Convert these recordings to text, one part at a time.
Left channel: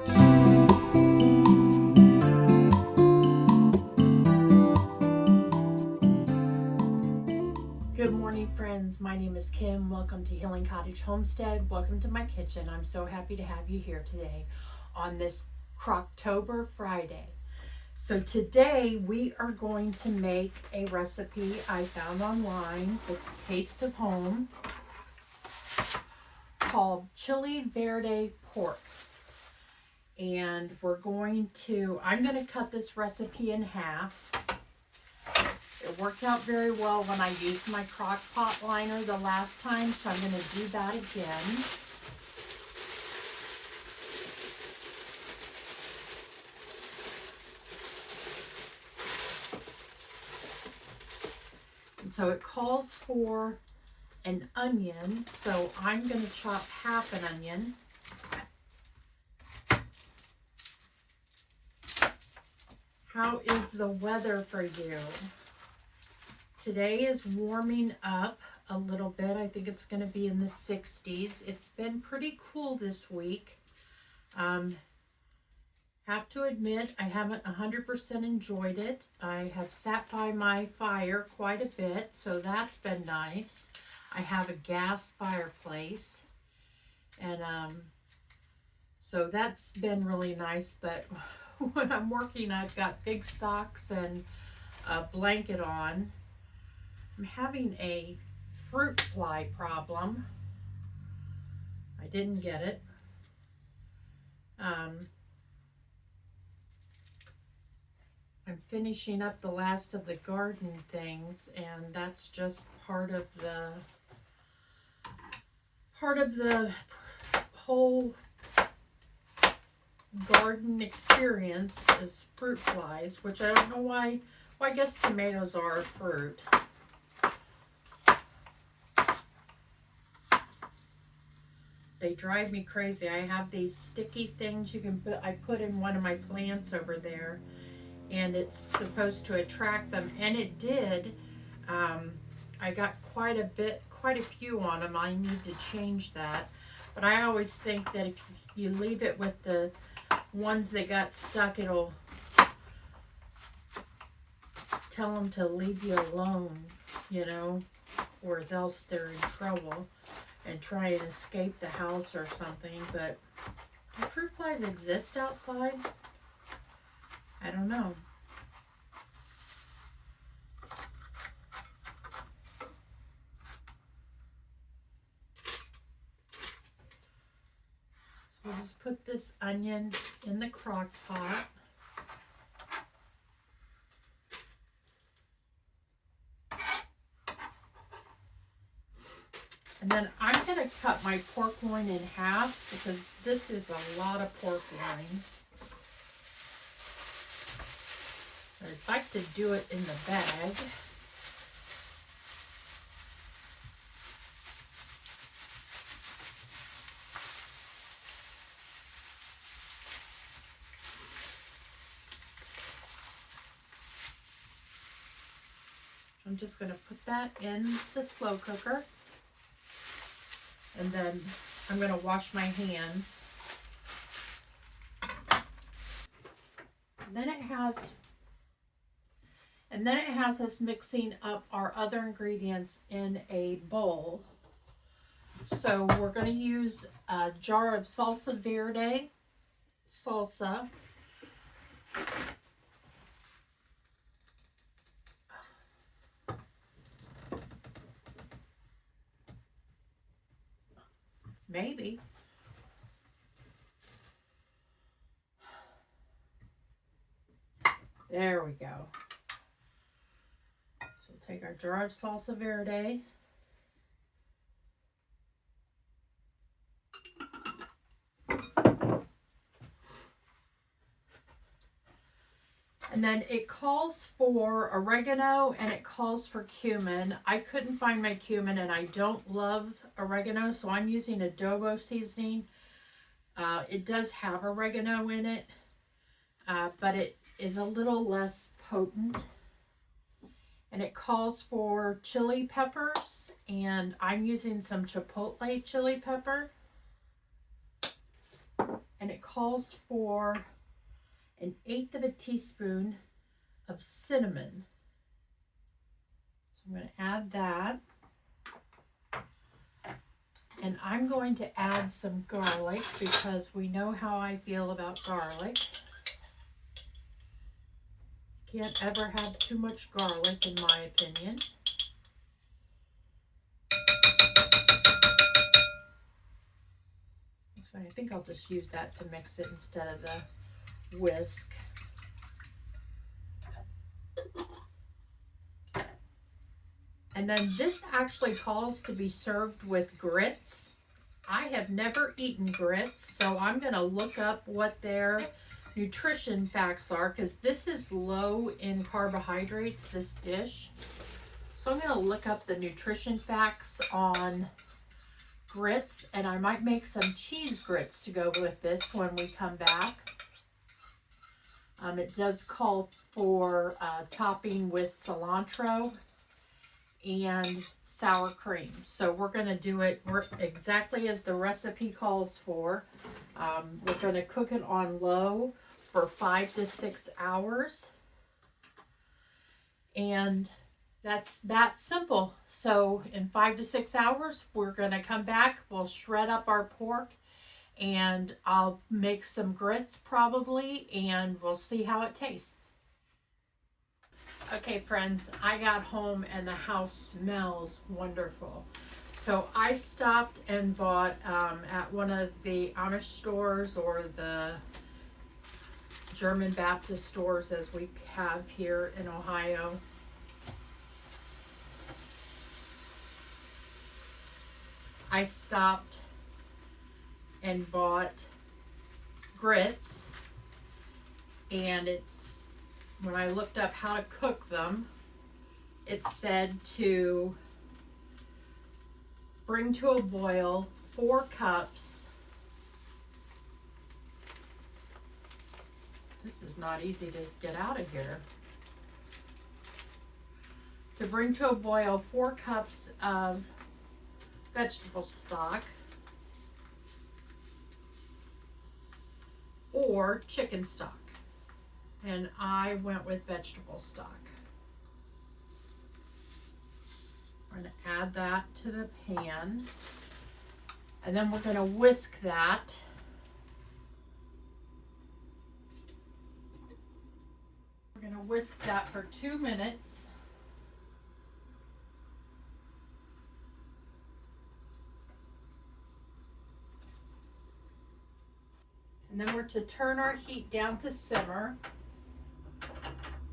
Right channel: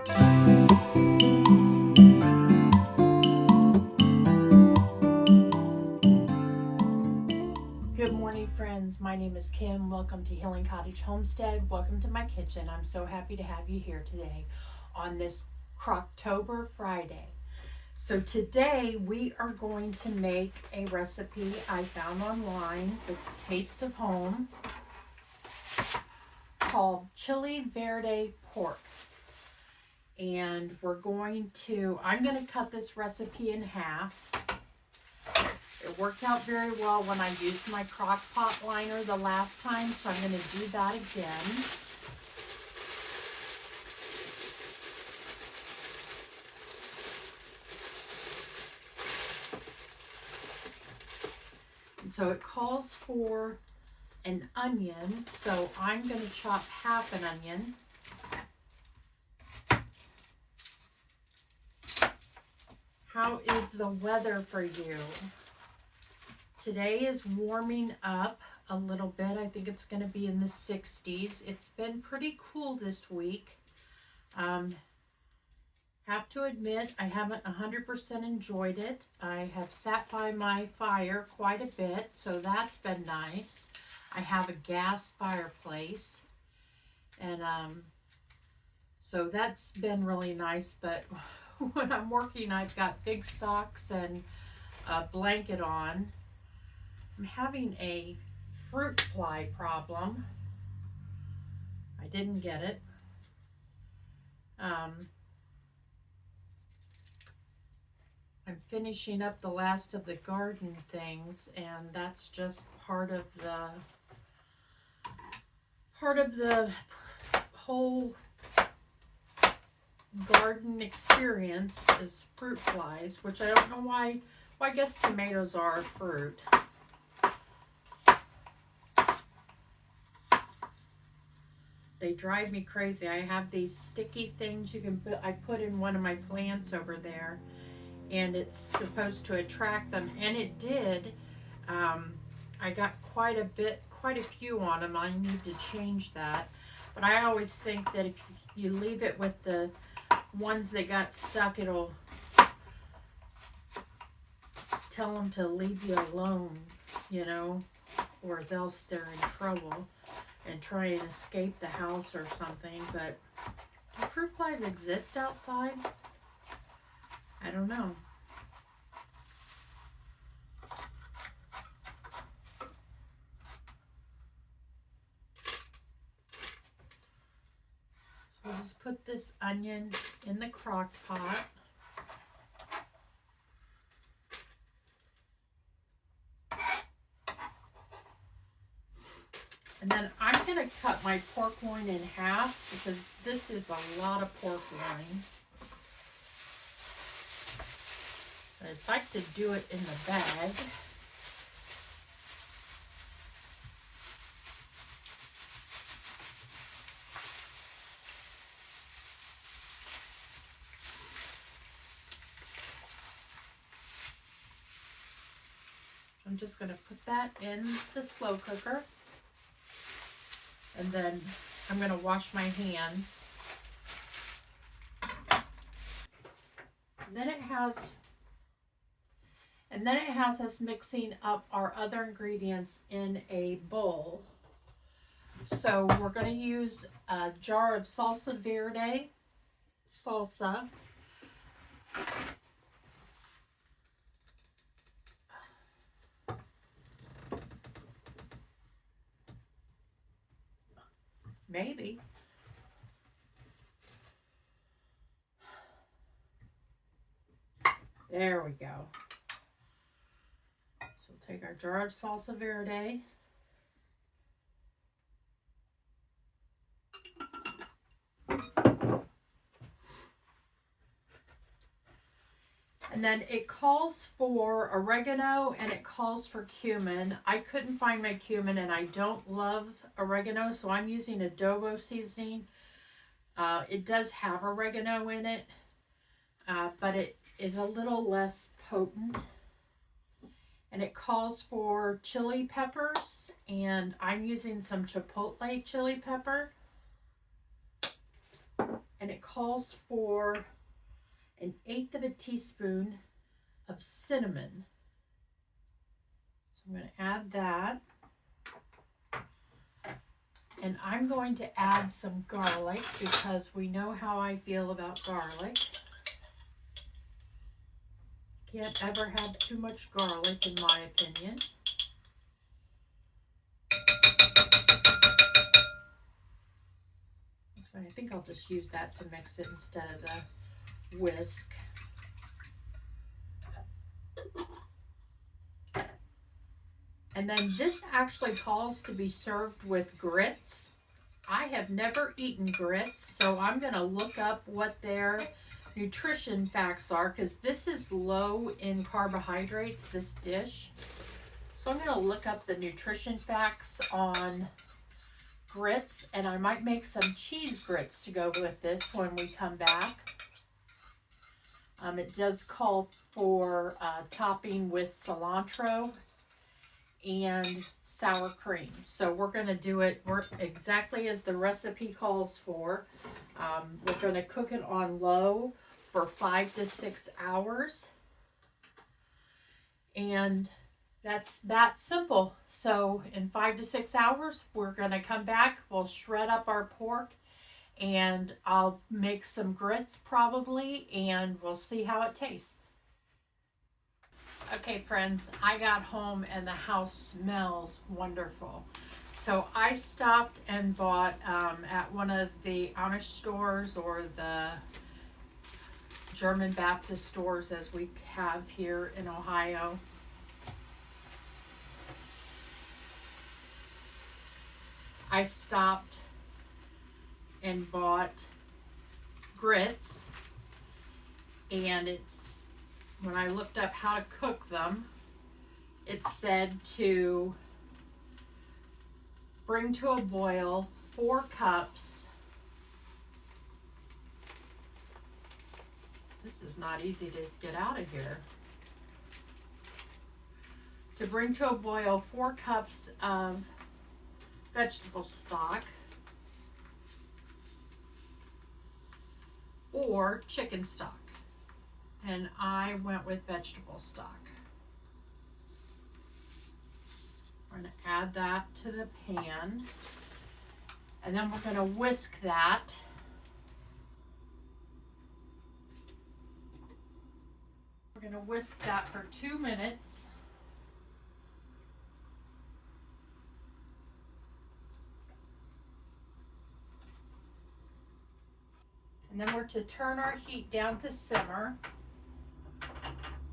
Good morning, friends. My name is Kim. Welcome to Healing Cottage Homestead. Welcome to my kitchen. I'm so happy to have you here today on this Croctober Friday. So today we are going to make a recipe I found online, The Taste of Home, called Chili Verde pork. And I'm going to cut this recipe in half. It worked out very well when I used my crock pot liner the last time, so I'm going to do that again. And so it calls for an onion, so I'm going to chop half an onion. How is the weather for you? Today is warming up a little bit. I think it's going to be in the 60s. It's been pretty cool this week. Have to admit, I haven't 100% enjoyed it. I have sat by my fire quite a bit, so that's been nice. I have a gas fireplace, and so that's been really nice, but when I'm working, I've got big socks and a blanket on. I'm having a fruit fly problem. I didn't get it. I'm finishing up the last of the garden things, and that's just part of the whole garden experience is fruit flies, which I don't know why. Well, I guess tomatoes are a fruit. They drive me crazy. I have these sticky things I put in one of my plants over there, and it's supposed to attract them, and it did. I got quite a few on them. I need to change that. But I always think that if you leave it with the ones that got stuck, it'll tell them to leave you alone, or else they're in trouble and try and escape the house or something. But do fruit flies exist outside? I don't know. So we'll just put this onion in the crock pot. And then I'm going to cut my pork loin in half because this is a lot of pork loin. I'd like to do it in the bag. I'm just going to put that in the slow cooker. And then I'm going to wash my hands. And then it has us mixing up our other ingredients in a bowl. So we're going to use a jar of salsa verde salsa. Maybe. There we go. So we'll take our jar of salsa verde. And then it calls for oregano and it calls for cumin. I couldn't find my cumin and I don't love oregano, so I'm using adobo seasoning. It does have oregano in it, but it is a little less potent. And it calls for chili peppers, and I'm using some chipotle chili pepper. And and it calls for 1/8 teaspoon of cinnamon. So I'm going to add that. And I'm going to add some garlic because we know how I feel about garlic. Can't ever have too much garlic, in my opinion. So I think I'll just use that to mix it instead of the whisk. And then this actually calls to be served with grits. I have never eaten grits, so I'm going to look up what their nutrition facts are, because this is low in carbohydrates, this dish. So I'm going to look up the nutrition facts on grits, and I might make some cheese grits to go with this when we come back. It does call for topping with cilantro and sour cream. So we're going to do it exactly as the recipe calls for. We're going to cook it on low for 5 to 6 hours. And that's that simple. So in 5 to 6 hours, we're going to come back. We'll shred up our pork and I'll make some grits probably, and we'll see how it tastes. Okay, friends, I got home and the house smells wonderful. So I stopped and bought at one of the Amish stores or the German Baptist stores, as we have here in Ohio. I stopped and bought grits, and when I looked up how to cook them, it said to bring to a boil 4 cups. This is not easy to get out of here. To bring to a boil 4 cups of vegetable stock or chicken stock. And I went with vegetable stock. We're going to add that to the pan. And then we're going to whisk that. We're going to whisk that for 2 minutes. And then we're to turn our heat down to simmer.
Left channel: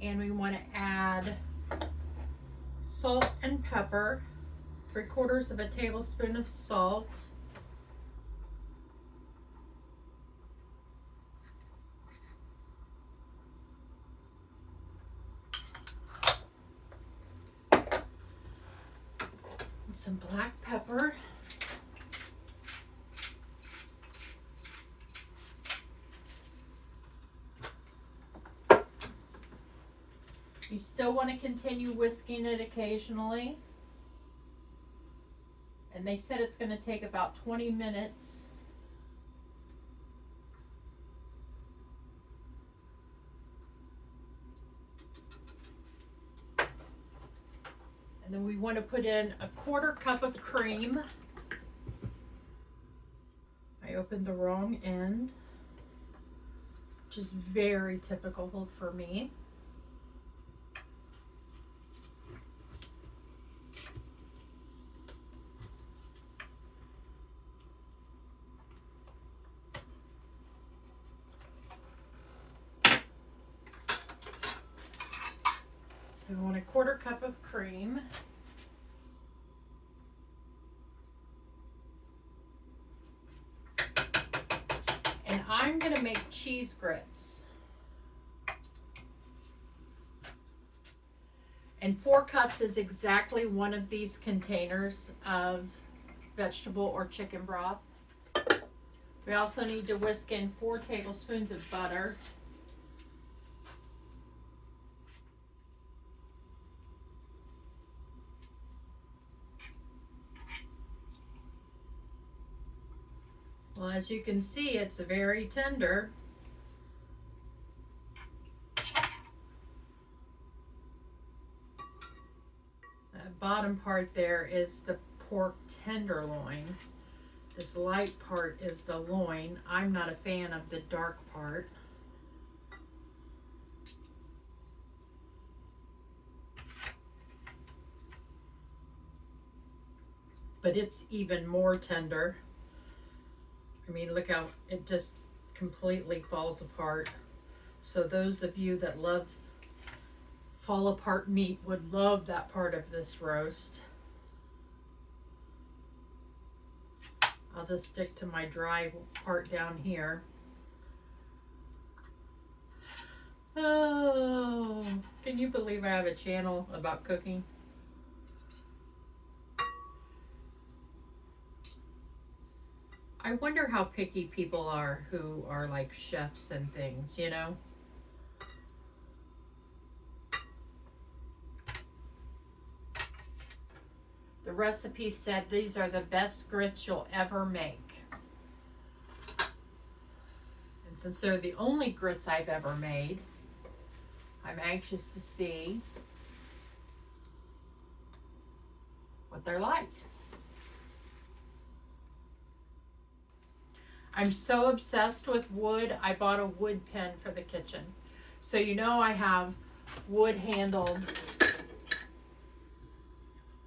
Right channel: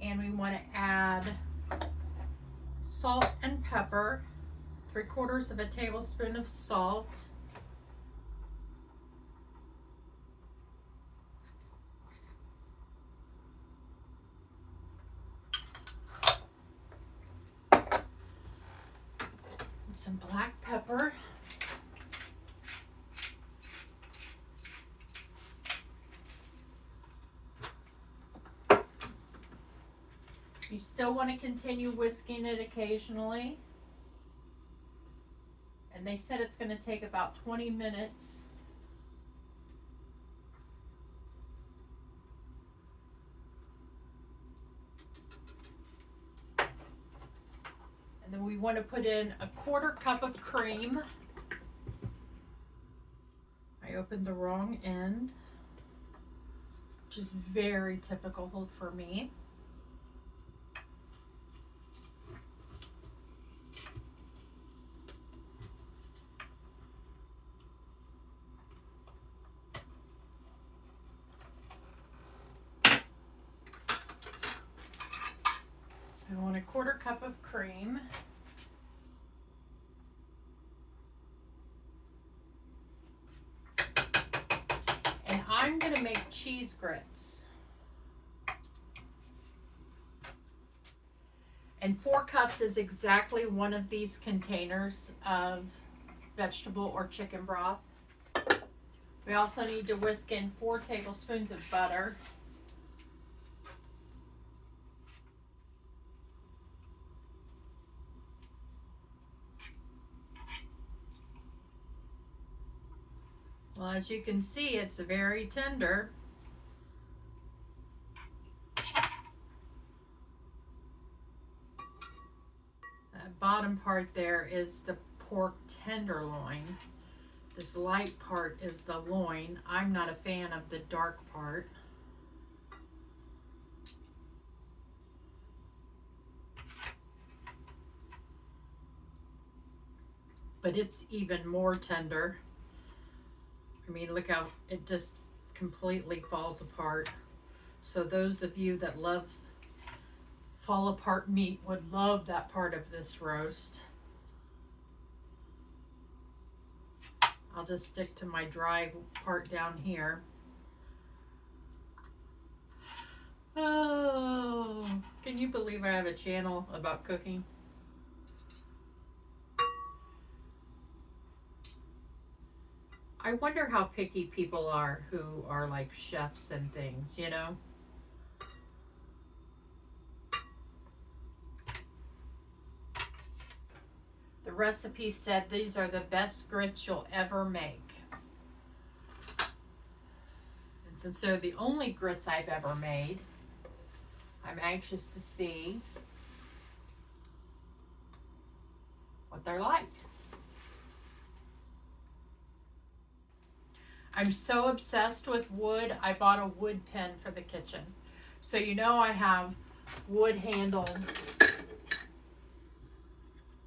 And we want to add salt and pepper, 3/4 of a tablespoon of salt. And some black pepper. You still want to continue whisking it occasionally. And they said it's going to take about 20 minutes. And then we want to put in a 1/4 cup of cream. I opened the wrong end, which is very typical for me. I want a 1/4 cup of cream. And I'm going to make cheese grits. And 4 cups is exactly one of these containers of vegetable or chicken broth. We also need to whisk in 4 tablespoons of butter. Well, as you can see, it's very tender. That bottom part there is the pork tenderloin. This light part is the loin. I'm not a fan of the dark part. But it's even more tender. I mean, look how it just completely falls apart. So those of you that love fall apart meat would love that part of this roast. I'll just stick to my dry part down here. Oh, can you believe I have a channel about cooking? I wonder how picky people are who are like chefs and things, you know? The recipe said these are the best grits you'll ever make. And since they're the only grits I've ever made, I'm anxious to see what they're like. I'm so obsessed with wood, I bought a wood pen for the kitchen. So you know I have wood handled,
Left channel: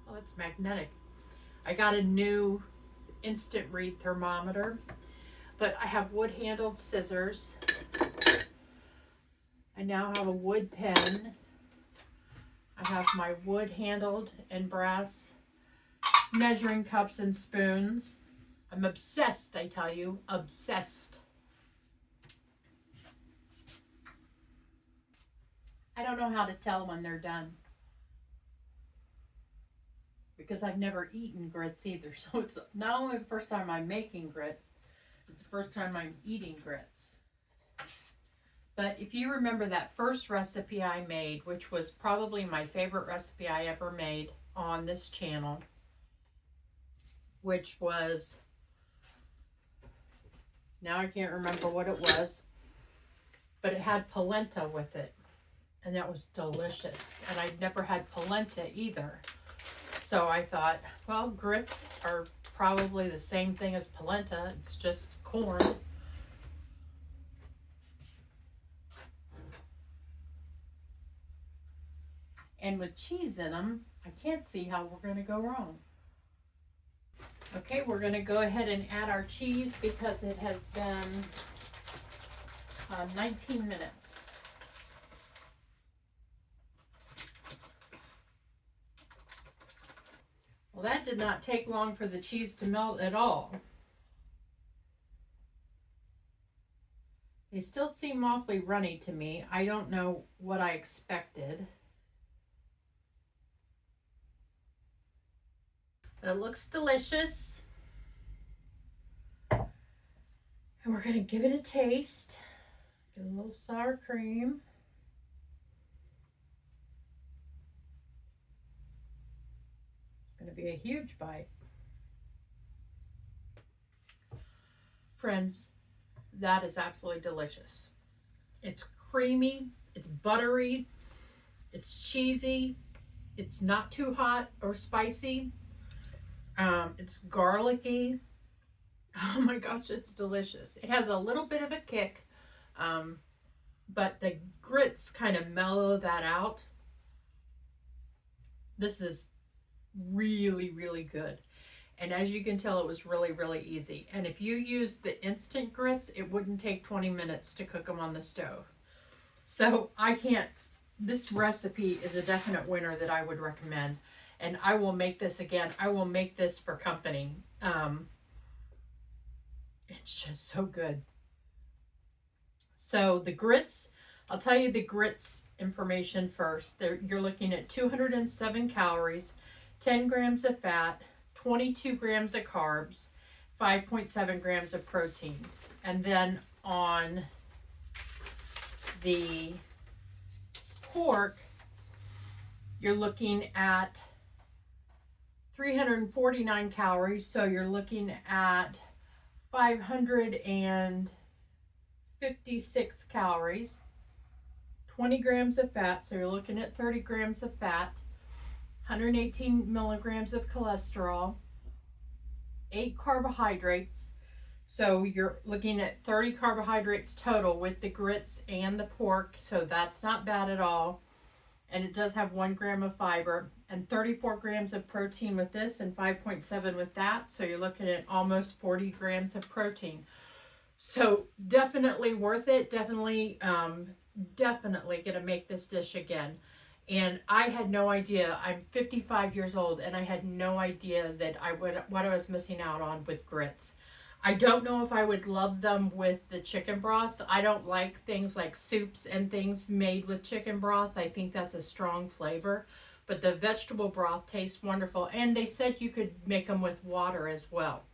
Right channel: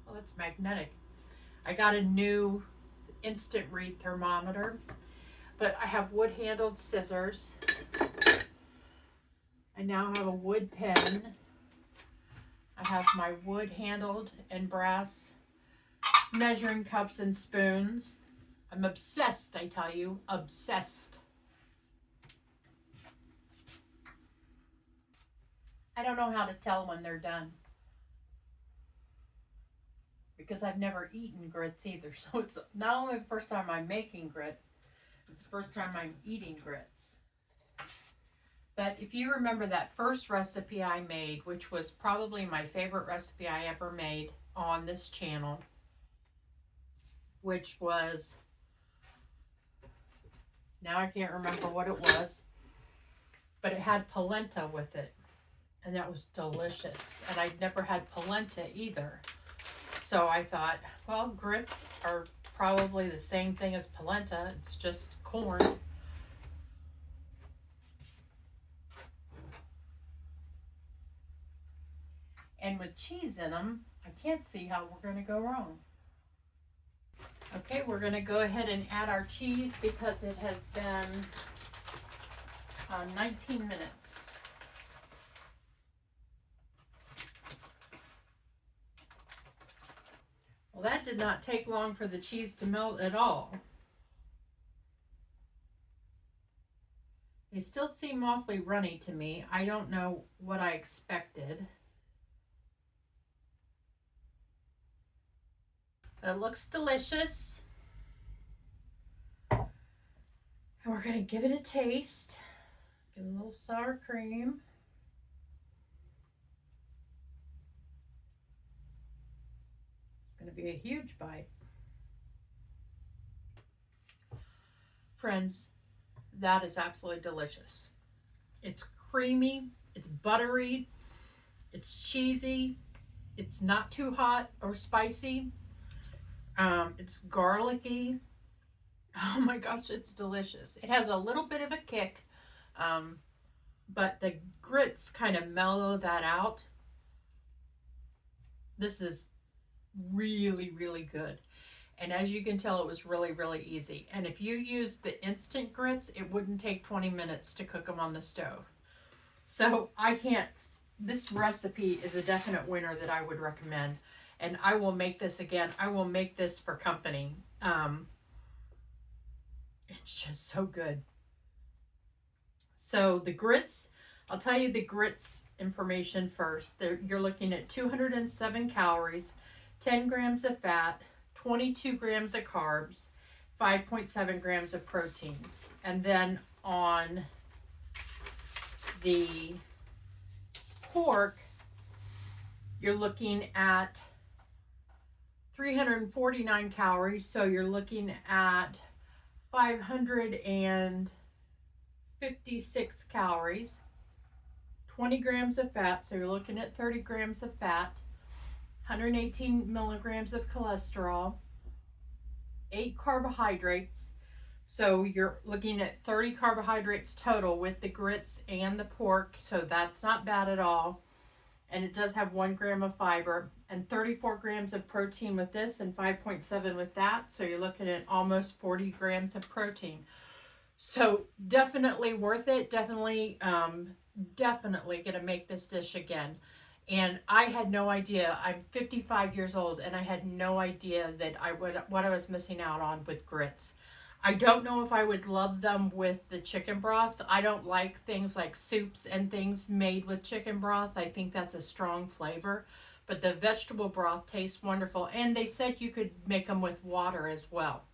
well, it's magnetic. I got a new instant read thermometer, but I have wood handled scissors. I now have a wood pen. I have my wood handled and brass measuring cups and spoons. I'm obsessed, I tell you, obsessed. I don't know how to tell when they're done because I've never eaten grits either. So it's not only the first time I'm making grits, it's the first time I'm eating grits. But if you remember that first recipe I made, which was probably my favorite recipe I ever made on this channel, which was, now I can't remember what it was, but it had polenta with it, and that was delicious. And I'd never had polenta either. So I thought, well, grits are probably the same thing as polenta. It's just corn. And with cheese in them, I can't see how we're going to go wrong. Okay, we're going to go ahead and add our cheese because it has been 19 minutes. Well, that did not take long for the cheese to melt at all. They still seem awfully runny to me. I don't know what I expected. But it looks delicious. And we're going to give it a taste. Get a little sour cream. It's going to be a huge bite. Friends, that is absolutely delicious. It's creamy, it's buttery, it's cheesy, it's not too hot or spicy. It's garlicky. Oh my gosh, it's delicious. It has a little bit of a kick, but the grits kind of mellow that out. This is really, really good. And as you can tell, it was really, really easy. And if you used the instant grits, it wouldn't take 20 minutes to cook them on the stove. So this recipe is a definite winner that I would recommend. And I will make this again. I will make this for company. It's just so good. So the grits, I'll tell you the grits information first. You're looking at 207 calories, 10 grams of fat, 22 grams of carbs, 5.7 grams of protein. And then on the pork, you're looking at 349 calories, so you're looking at 556 calories, 20 grams of fat, so you're looking at 30 grams of fat, 118 milligrams of cholesterol, 8 carbohydrates, so you're looking at 30 carbohydrates total with the grits and the pork, so that's not bad at all. And it does have 1 gram of fiber and 34 grams of protein with this and 5.7 with that. So you're looking at almost 40 grams of protein. So definitely worth it. Definitely gonna make this dish again. And I had no idea. I'm 55 years old and I had no idea that what I was missing out on with grits. I don't know if I would love them with the chicken broth. I don't like things like soups and things made with chicken broth. I think that's a strong flavor. But the vegetable broth tastes wonderful. And they said you could make them with water as well.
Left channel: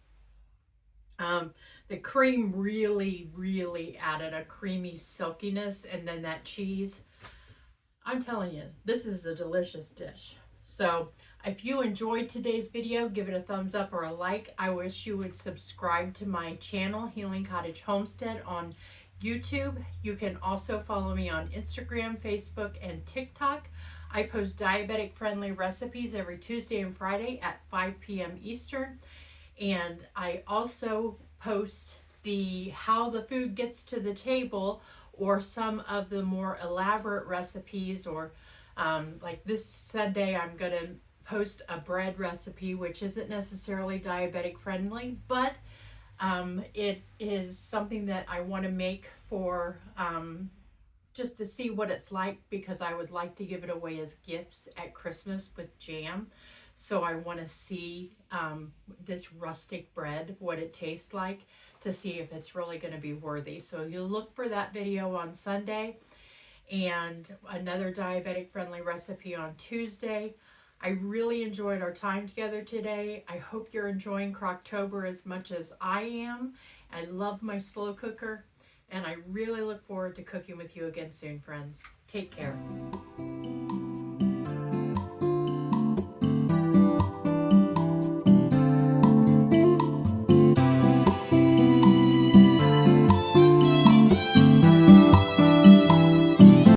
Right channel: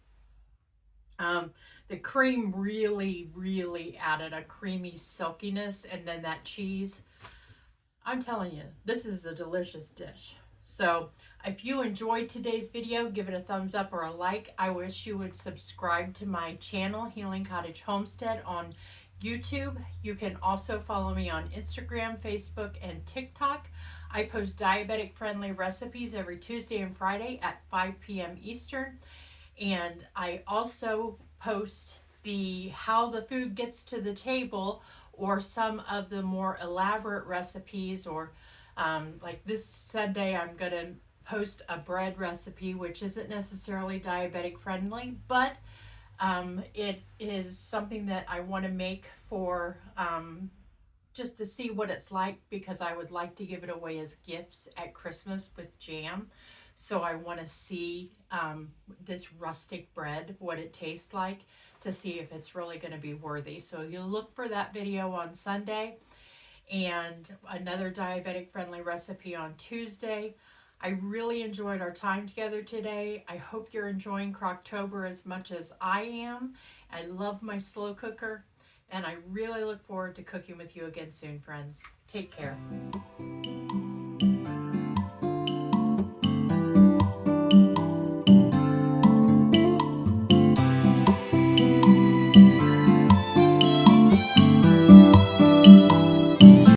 The cream really added a creamy silkiness. And then that cheese. I'm telling you, this is a delicious dish. So if you enjoyed today's video, give it a thumbs up or a like. I wish you would subscribe to my channel, Healing Cottage Homestead, on YouTube. You can also follow me on Instagram, Facebook, and TikTok. I post diabetic-friendly recipes every Tuesday and Friday at 5 p.m. Eastern. And I also post how the food gets to the table, or some of the more elaborate recipes, or like this Sunday I'm going to post a bread recipe, which isn't necessarily diabetic friendly, but it is something that I want to make for just to see what it's like, because I would like to give it away as gifts at Christmas with jam. So I want to see this rustic bread, what it tastes like, to see if it's really going to be worthy. So you'll look for that video on Sunday, and another diabetic friendly recipe on Tuesday. I really enjoyed our time together today. I hope you're enjoying Croctober as much as I am. I love my slow cooker, and I really look forward to cooking with you again soon, friends. Take care.